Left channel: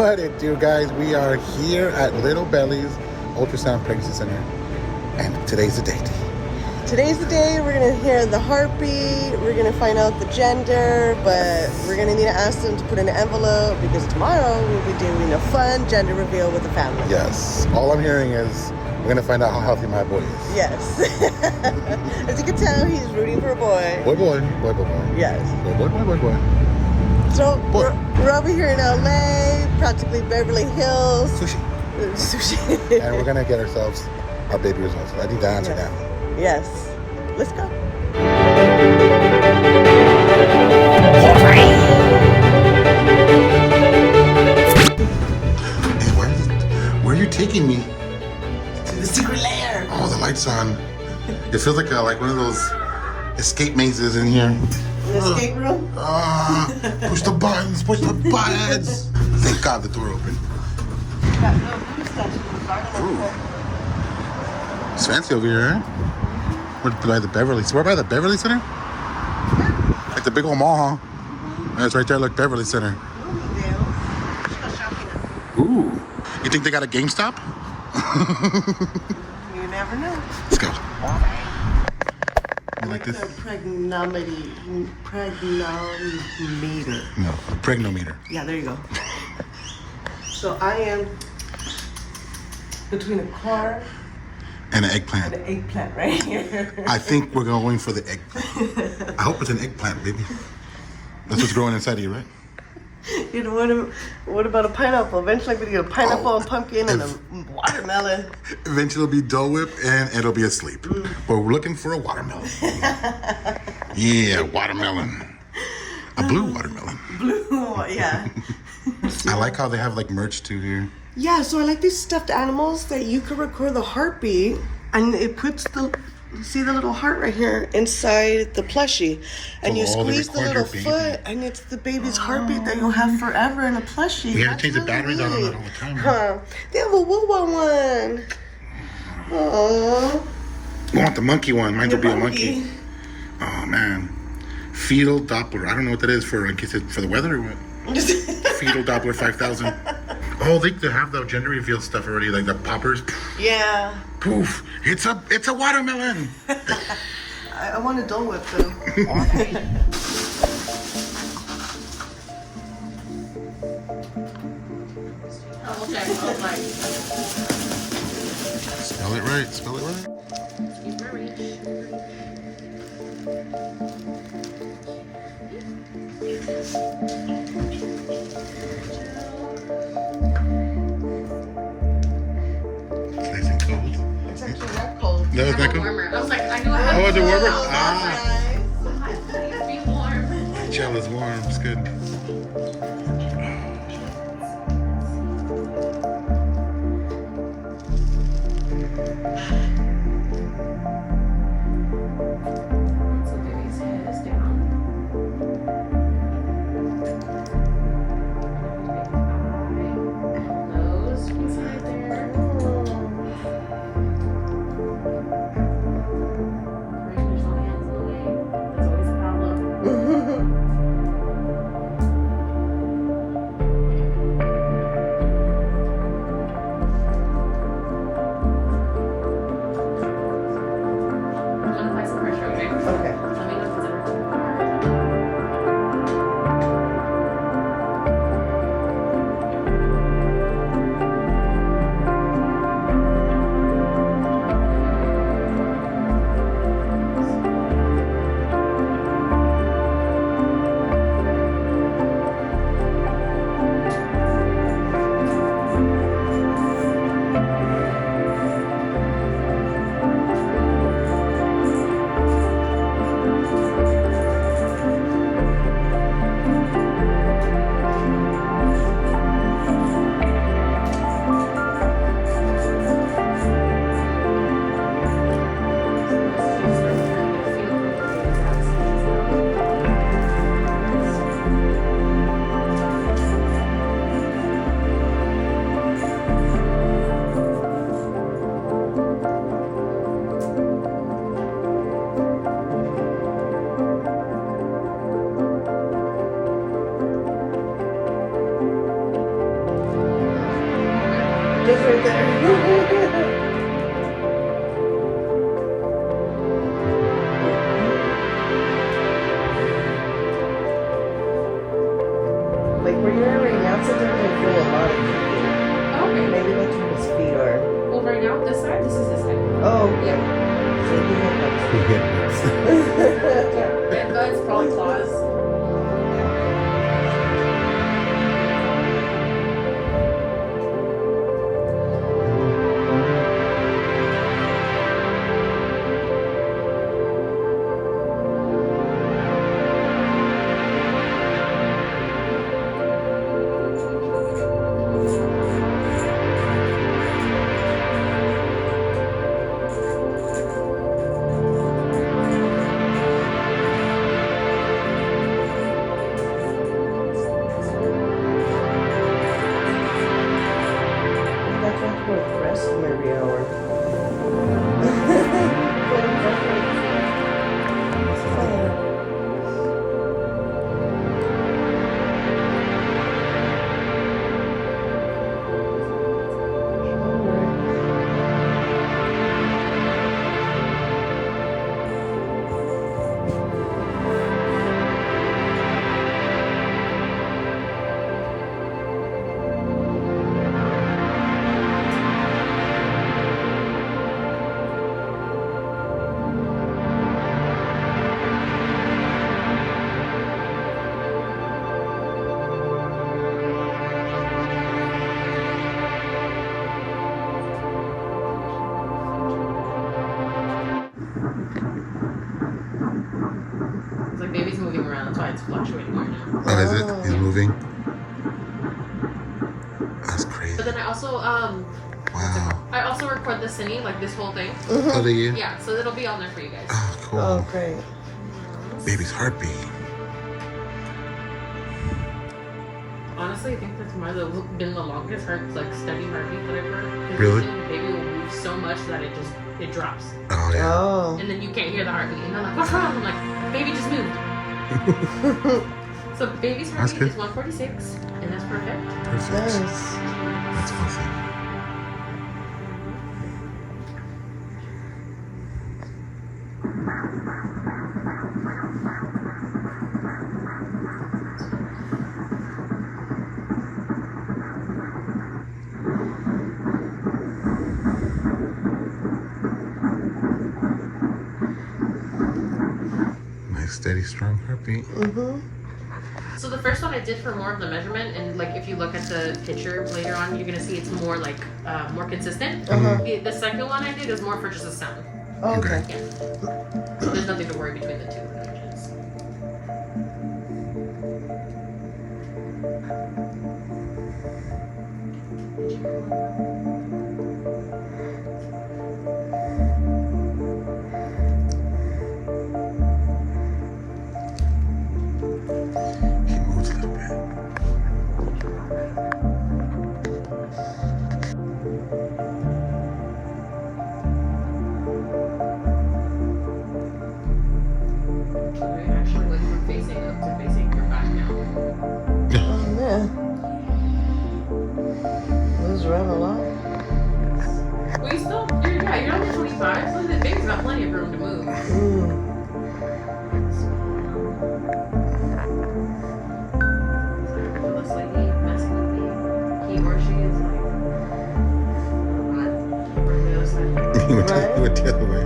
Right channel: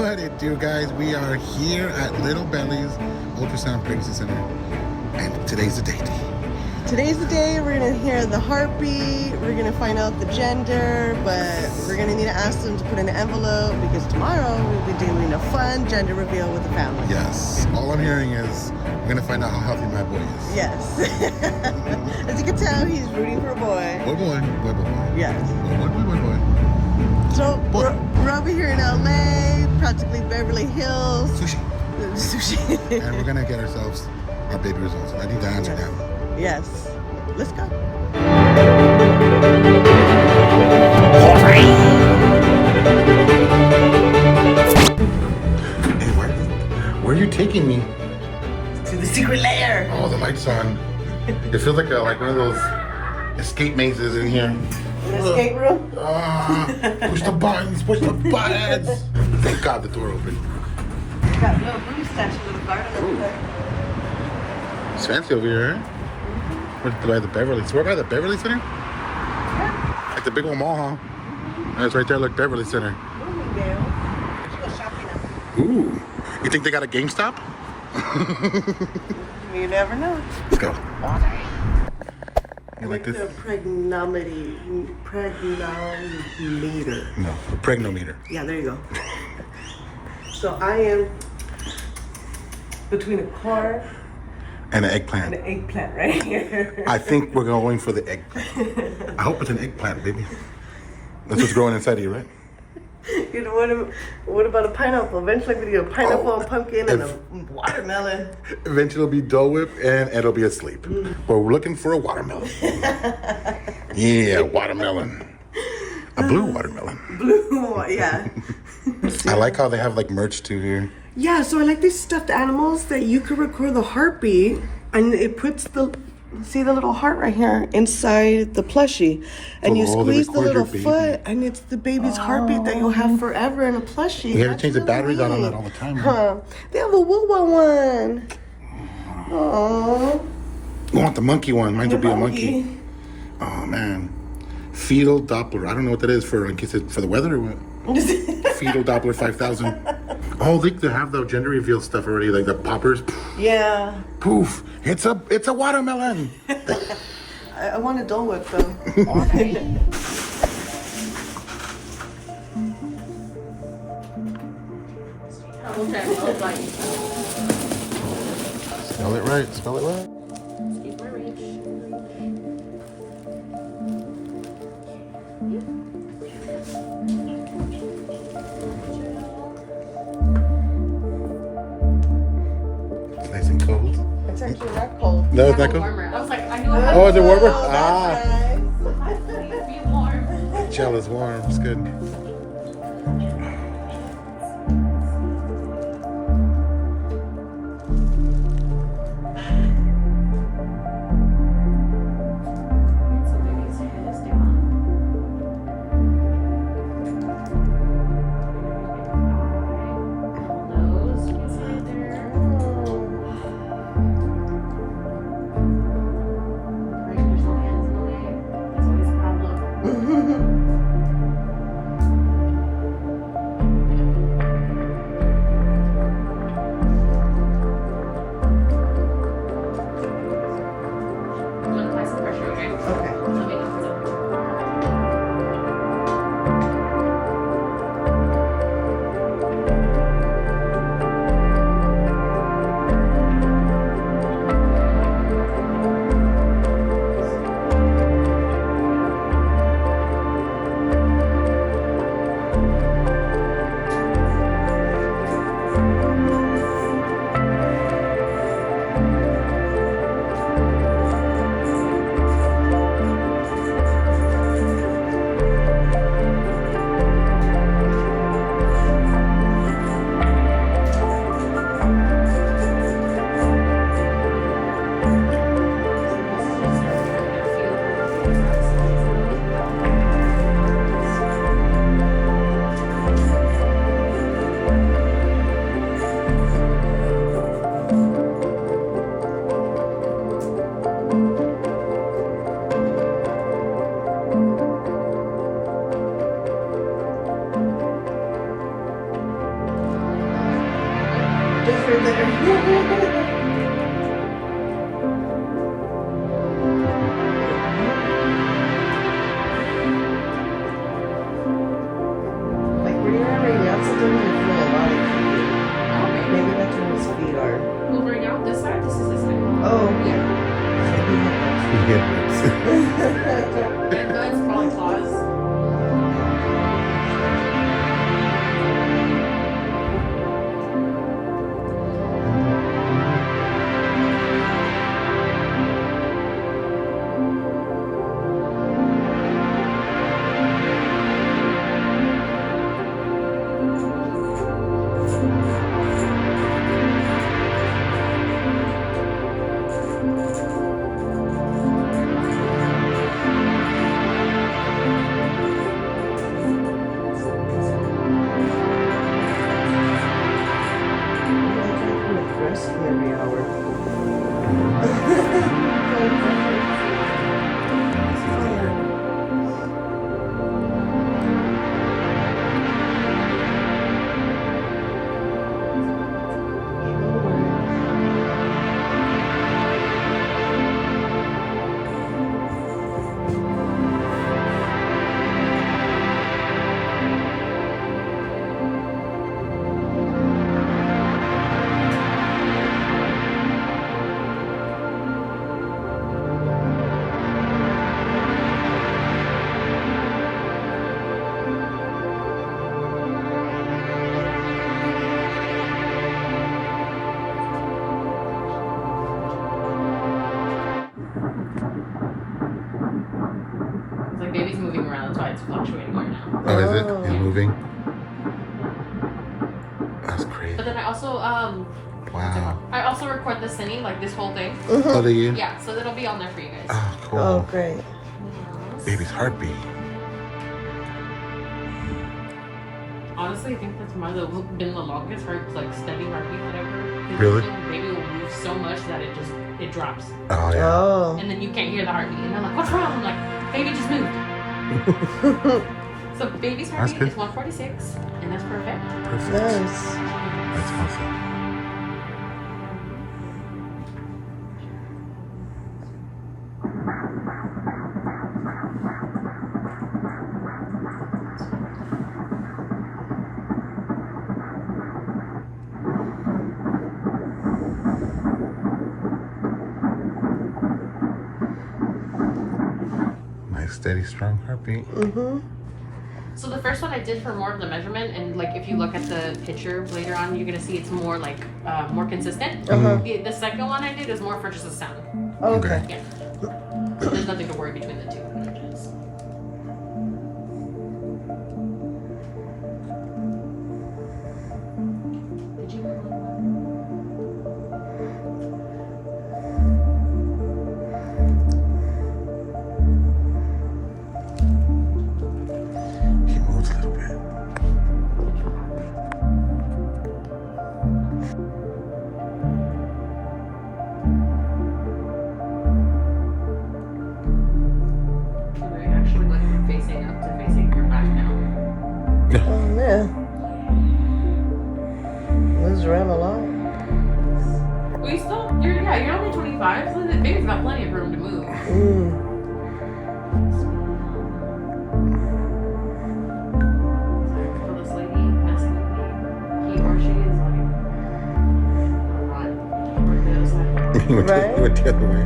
What it do, guys? We are here at Little Bellies Ultrasound Pregnancy Center, and today's the day. Today's the day. We're gonna hear the heartbeat. We're gonna find out the gender, but we're gonna need to ask them to put in an envelope because tomorrow we'll be doing a fun gender reveal with the family. Yes. All I'm hearing is we're gonna find out how healthy my boy is. Yes. As you can tell, he's rooting for a boy. Boy. Yes. Boy. So we're over here in LA, practically Beverly Hills. Sushi. And we're gonna get ourselves our baby results. I need to answer now. Yes. Let's go. Hey, where are you taking me? To the secret lair. Oh, the light's on. It feels like one of those escape mazes in here. The escape room? Push the buttons. Thank God the door opened. Got little blue statue in the garden. Ooh. It's fancy over here, huh? We're by the Beverly. So we're by the Beverly Center? Like the big old mall, huh? That's right there, look, Beverly Center. Ooh. You think they got a GameStop? You never know. Let's go. You like this? Pregnometer. No, a pregnometer. Yeah, there you go. So I am between a car and an eggplant. and an eggplant right here. I think we're going for the eggplant. I hope it's an eggplant, baby. That's what's growing inside of you, right? What about a pineapple? Eventually I'm going to get a pineapple and pumpkin and a watermelon. Eventually it'll be Dole Whip and it'll be asleep. But we're looking for a watermelon. Yeah, watermelon. A blue watermelon. Blue, yeah. I like how they have like merch too here. Yeah, so I like these stuffed animals that you can record the heartbeat and it puts the little heart right here inside the plushie. And you squeeze the little foot and it's the baby's heartbeat that you'll have forever in a plushie. We have to change the batteries out on that all the time. Huh? They have a woo-woo one. Aww. You want the monkey one. Mine will be a monkey. Oh, man. Fetal Doppler. I don't know what that is for, in case it's for the weather or what. Fetal Doppler 5000. Oh, they have the gender reveal stuff already, like the poppers. Yeah. Poof! It's a watermelon. I want a Dole Whip though. Okay. Spell it right. It's actually not cold. No, it's not cold? I was like, I knew I had Oh, is it warmer? Oh, that's nice. to be warm. The gel is warm. It's good. So baby's head is down. Nose, you can see it there. Right, there's no hands in the way. That's always a problem. Just right there. Like where you're at right now, sometimes I feel a lot of heat. Okay. Maybe that's where his feet are. Well, right now, this side, this is his side. Oh, yeah. Yeah. Yeah. And that's probably claws. That's why we're resting every hour. Let me see that here. It's like baby's moving around, that's why it's fluctuating more now. Oh, is it? He's moving. That's crazy. But then I also Wow. record the singing, like this whole thing. Oh, do you? Yeah, so it'll be on there for you guys. Oh, cool. Oh, great. Baby's heartbeat. Honestly, I think that's been the longest like studying heartbeat that I've heard. 'Cause Really? the baby will move so much that it drops. Oh, yeah. Oh. And then you can't hear the heartbeat. And I'm like, what's wrong? I'm like, baby just moved. So baby's That's heartbeat good. is 146, and that's perfect. Perfect. Nice. That's awesome. Nice, steady, strong heartbeat. Mm-hmm. So the first one I did for more of the measurement, and like if you look at the picture later on, you're gonna see it's more like more consistent. The second one I did is more for just a sound. Okay. Yeah. So there's nothing to worry between the two images. Did you? He moves a little bit. We're actually like facing up to facing your back now. Oh, yeah. Moves around a lot. Well, you're only 25, so the baby's got plenty of room to move. Mm. For this lady messing with me, he or she is like, right the other side. He went the other way.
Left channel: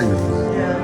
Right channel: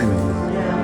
diamonds. Yeah.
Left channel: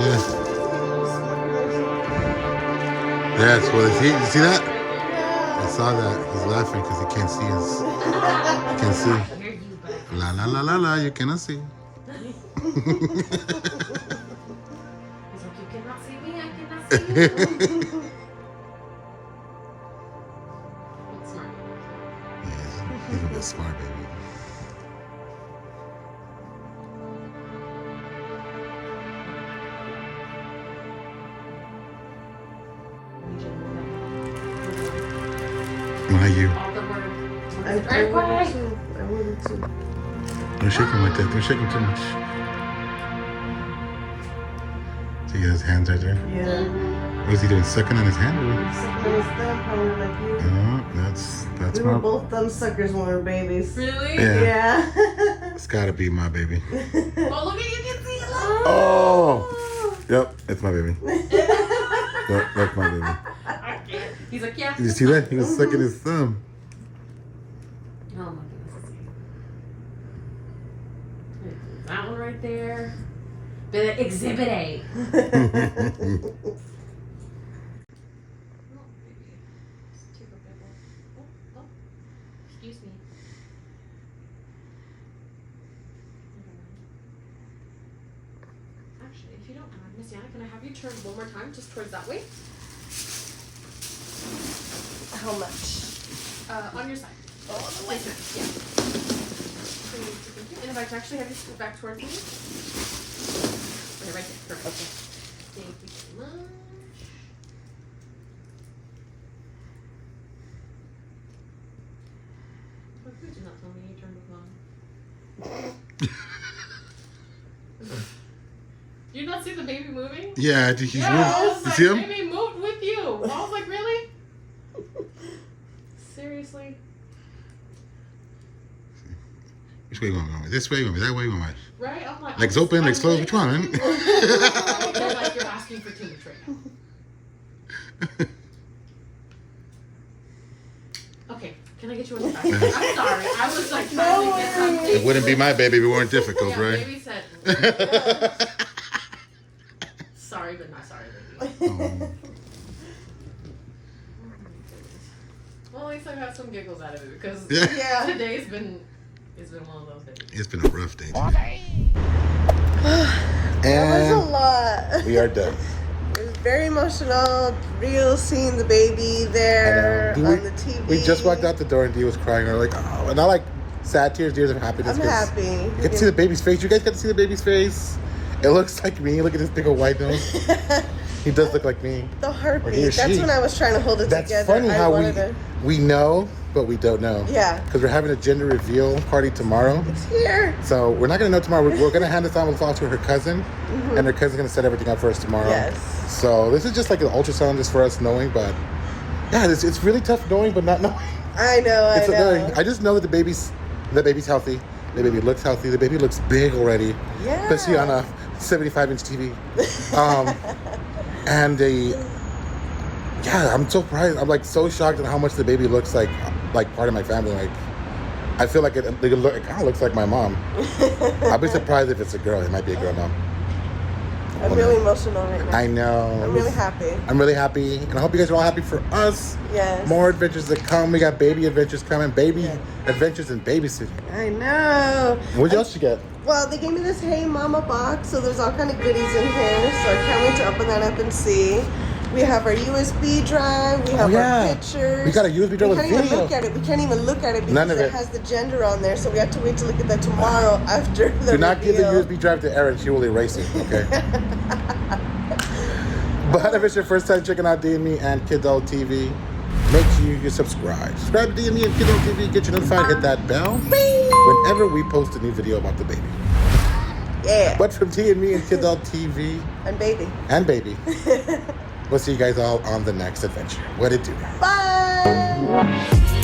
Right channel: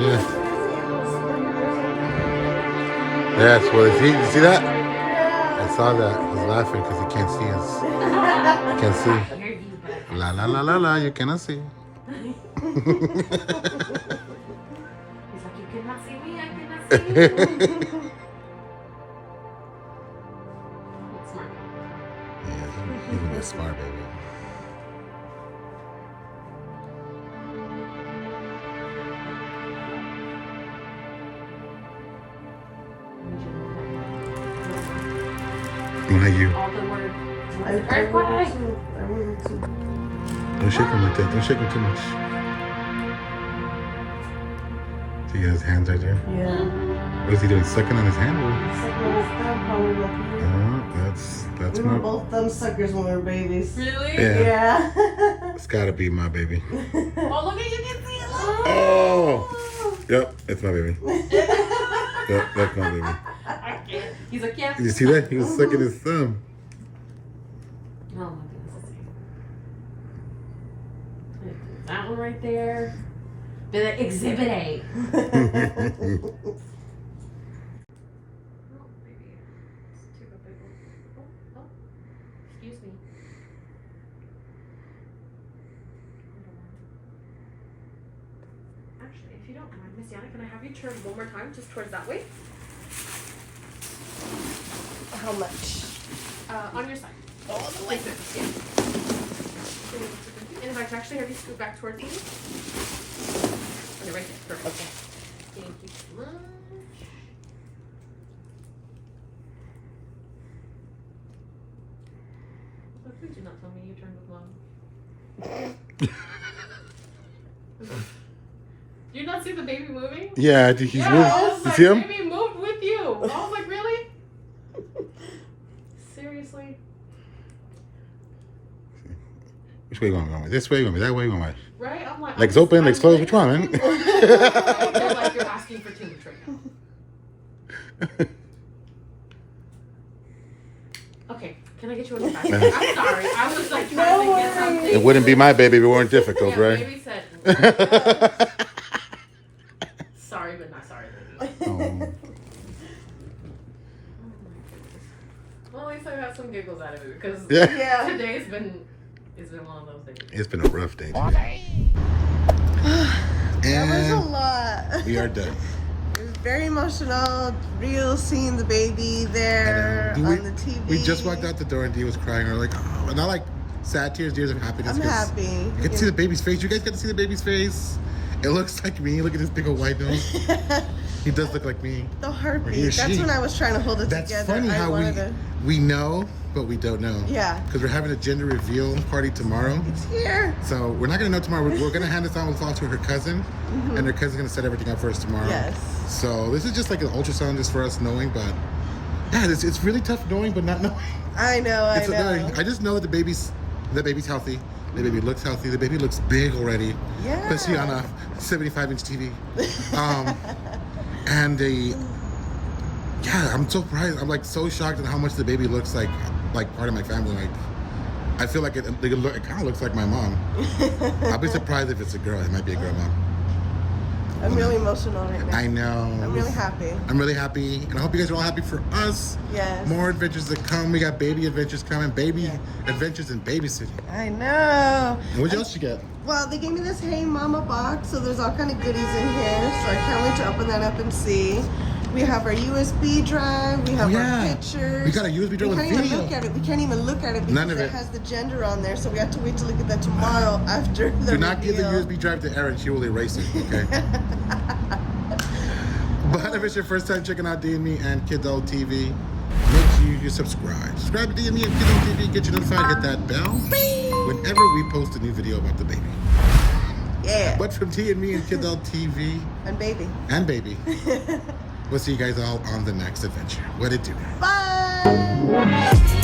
Yes. Yes, well, you see that? I saw that. He's laughing because he can't see us. He can't see. La la la la la, you cannot see. He's like, you cannot see me, I cannot see you. That's smart. Yeah, he's gonna be a smart baby. Not you. All the word. I Very quiet. Don't shake him like that. Don't shake him too much. See his hands right there? Yeah. What is he doing? Sucking on his hand? That's We were my. both thumb suckers when we were babies. Really? Yeah. Yeah. It's gotta be my baby. Oh, look at you can see it. Look. Oh! Yep, it's my baby. Yep, that's my baby. I can't. He's like, yeah. Did you see that? He was sucking his thumb. Oh my goodness. That one right there. The exhibit A. Oh, baby. Took a big one. Oh. Excuse me. Actually, if you don't mind, Miss Yana, can I have you turn one more time just towards that way? How much? On your side. Oh, like this. Yeah. And if I can actually have you scoot back towards me. Okay, right there. Perfect. Okay. Thank you so much. What did you not tell me you turned the volume? You not see the baby moving? Yeah, he's Yeah, moved. I was You like, see him? baby moved with you. I was like, really? Seriously? Which way you going? This way? You going that way? You going Right? I'm like, legs open, legs closed? Which one, man? They're like, you're asking for too much right now. Okay, can I get you on your back? I'm sorry. I was like trying to get something. It wouldn't be my baby if it weren't difficult, Yeah, right? baby said, sorry, but not sorry, baby. Oh. Well, at least I got some giggles out of it because Yeah. today's been one of those days. It's been a rough day. That was a And lot. we are done. It was very emotional. Real seeing the baby there I know. on the TV. We just walked out the door and Dee was crying. We're like, oh, and not like sad tears, tears of happiness. I'm 'cause happy. You get to see the baby's face. You guys got to see the baby's face. It looks like me. Look at this big old white nose. He does look like me. The Or he or heartbeat. That's she. when I was trying to hold it That's together. funny I how wanted to... we know, but we don't know. Yeah. Because we're having a gender reveal party tomorrow. It's here. So we're not going to know tomorrow. We're going to hand this envelope off to her cousin. And her cousin's going to set everything up for us tomorrow. Yes. So this is just like an ultrasound just for us knowing, but yeah, it's really tough knowing but not knowing. I know. I just know that the baby's healthy. The baby looks healthy. The baby looks big already. Yeah. Especially on a 75-inch TV. And I'm so surprised. I'm like so shocked at how much the baby looks like part of my family. Like, I feel like it kind of looks like my mom. I'll be surprised if it's a girl. It might be a girl, Mom. I'm really emotional right now. I know. I'm really happy. I'm really happy, and I hope you guys are all happy for us. Yes. More adventures to come. We got baby adventures coming. Baby adventures in babysitting. I know. What else you get? Well, they gave me this Hey Mama box, so there's all kind of goodies in here. So I can't wait to open that up and see. We have our USB drive. We have our pictures. We got a USB drive with video. We can't even look at it because it has the gender on there. So we have to wait to look at that tomorrow after the Do not give the USB drive to Erin. She will erase it, okay? But if it's your first time checking out D&Me and Kidult TV, make sure you subscribe. Subscribe to D&Me and Kidult TV. Get you notified. Hit that bell whenever we post a new video about the baby. Yeah. But from D&Me and Kidult TV. And baby. We'll see you guys all on the next adventure. What it do? Bye.